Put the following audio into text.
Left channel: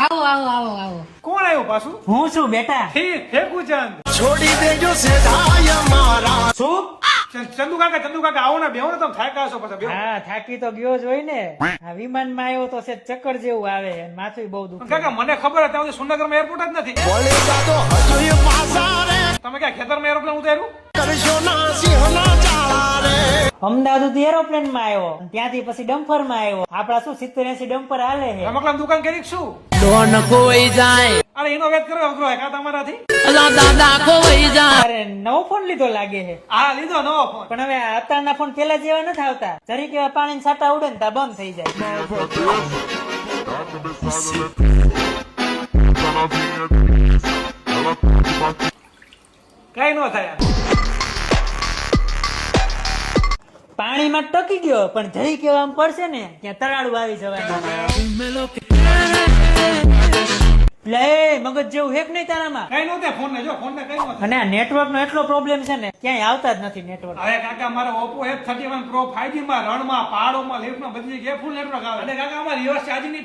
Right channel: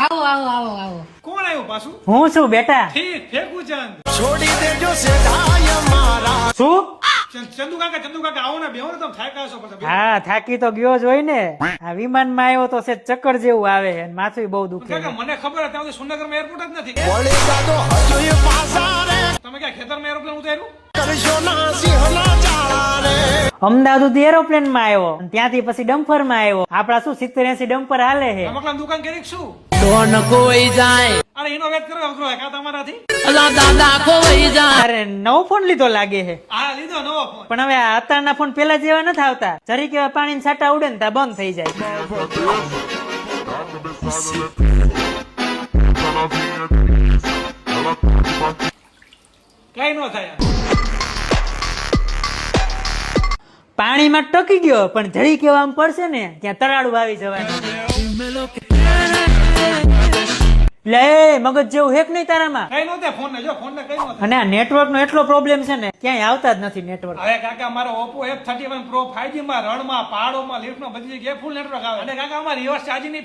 આવો આવો આવો આવો. કોણ આવ્યું પાછું? હું છું બેટા. ઠીક ફેકુચંદ. છોડી દેજો સેઠાય મારા. શું? ચંદુ કાકા આવો ને બેહો ને તમે થાક્યા છો પછી બેહો. હા થાકી તો ગયો જ હોય ને. આ વિમાનમાં આવ્યો તો છે ચક્કર જેવું આવે છે માથું બહુ દુખે. કાકા મને ખબર હતી ત્યાં સુરનગરમાં એરપોર્ટ જ નથી. વળેગા તો હજુ એ પાછા રે. તમે ક્યાં ખેતરમાં એરોપ્લેન ઉતાર્યું? કરશો ના સિંહના ચાળા રે. અમદાવાદ સુધી એરોપ્લેન માં આવ્યો ત્યાંથી પછી ડમ્પર માં આવ્યો. આપડા શું 70-80 ડમ્પર હાલે છે. રમકડાની દુકાન કરી શું? ડોન ખોઈ જાય, અરે એનો વેત કરો અઘરો કા તમારાથી? અલા દાદા ખોઈ જાય. અરે નવો ફોન લીધો લાગે છે. હા લીધો નવો ફોન. પણ હવે આ અત્યારના ફોન પેલા જેવા નથી આવતા. જરીક એવા પાણીના છાંટા ઉડે ને ત્યાં બંધ થઈ જાય. કઈ નો થાય. પાણીમાં ટકી ગયો પણ જરીક એવા આમ પડશે ને ત્યાં તરાડું આવી જવાય. લે મગજ જેવું હેક નહીં તારામાં. કઈ નો થાય ફોન ને જો ફોન ને કઈ નો થાય. અને આ નેટવર્ક નો એટલો પ્રોબ્લેમ છે ને ક્યાંય આવતા જ નથી નેટવર્ક. હવે કાકા મારો Oppo F31 Pro 5G માં રણમાં પહાડોમાં લિફ્ટમાં બધી જગ્યાએ ફૂલ નેટવર્ક આવે. અને કાકા અમારી રિવર્સ ચાર્જિંગ ની